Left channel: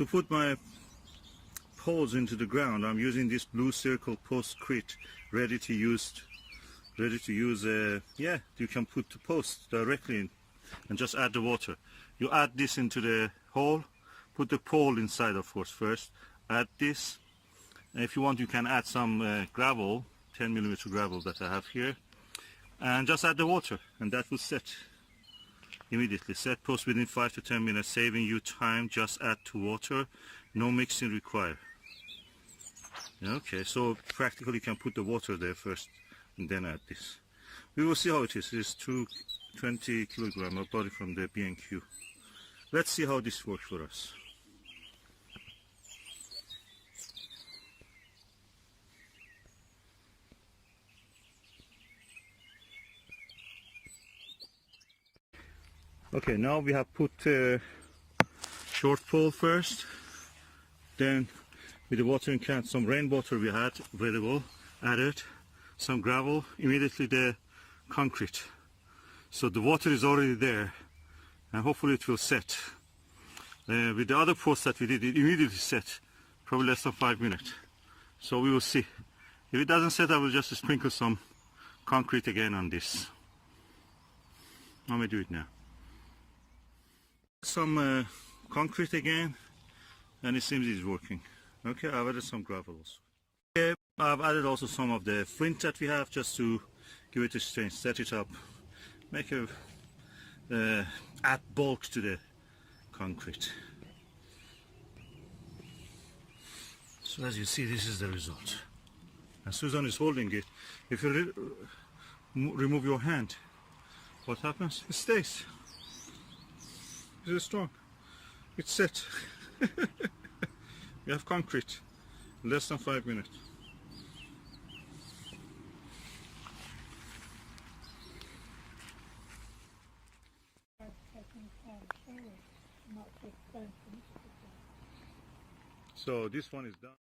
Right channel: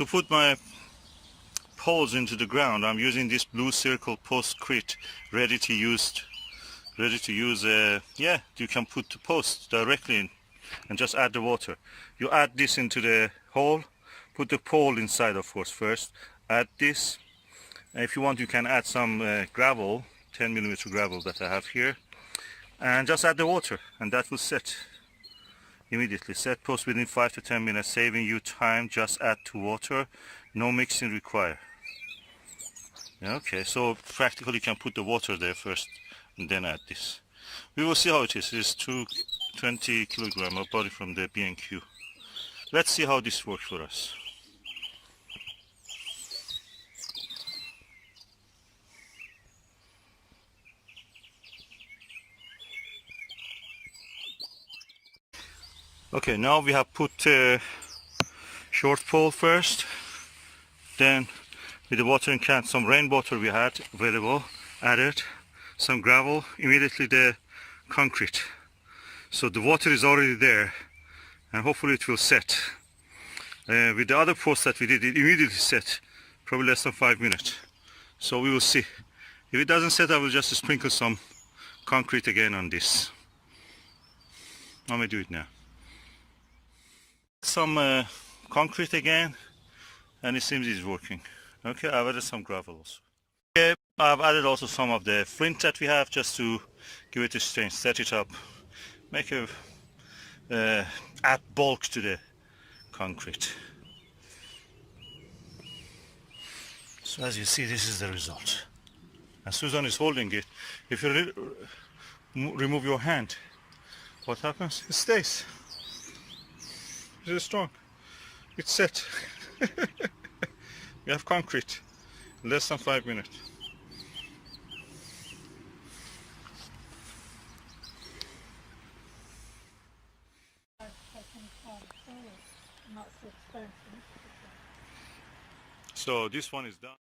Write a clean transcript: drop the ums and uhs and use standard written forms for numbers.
To put my poles into the ground, I'm using this blue circle Poscrete, ready to use. Yeah, you can put the post directly in and just add the water. You add this into the hole, put the pole inside, of course, first. Add this. And if you want, you can add some gravel, 10mm gravel that I have here, and just add the water, and that will set immediately. Set post within 5 to 10 minutes, saving you time. Just add to water, no mixing required. Okay, so practically you can put the water there first and then add this. We will see how it is. It is 20 kilogram. I bought it from the B&Q. Let's see how this works for us. Okay, now we have put short pole first, then with the watering can, some rainwater we had available, added some gravel, immediately the concrete. So the water is already there, and hopefully it will set. With the other post that we did, it immediately set, probably less than 5 minutes. So we will see. If it doesn't set, I will just sprinkle some concrete again on this. Let me do it now. Some concrete again, and it seems it's working. Okay, I've added some gravel also. Okay, I've added also some of the flint that we have, just to give it a strength, set it up, make a add bulk to the concrete. So as you see, this is the result. And Susan is holding it. If you remove your hand, what happens? It stays. It is strong. It's set. We have concrete. Less than 5 minutes. So this one is done.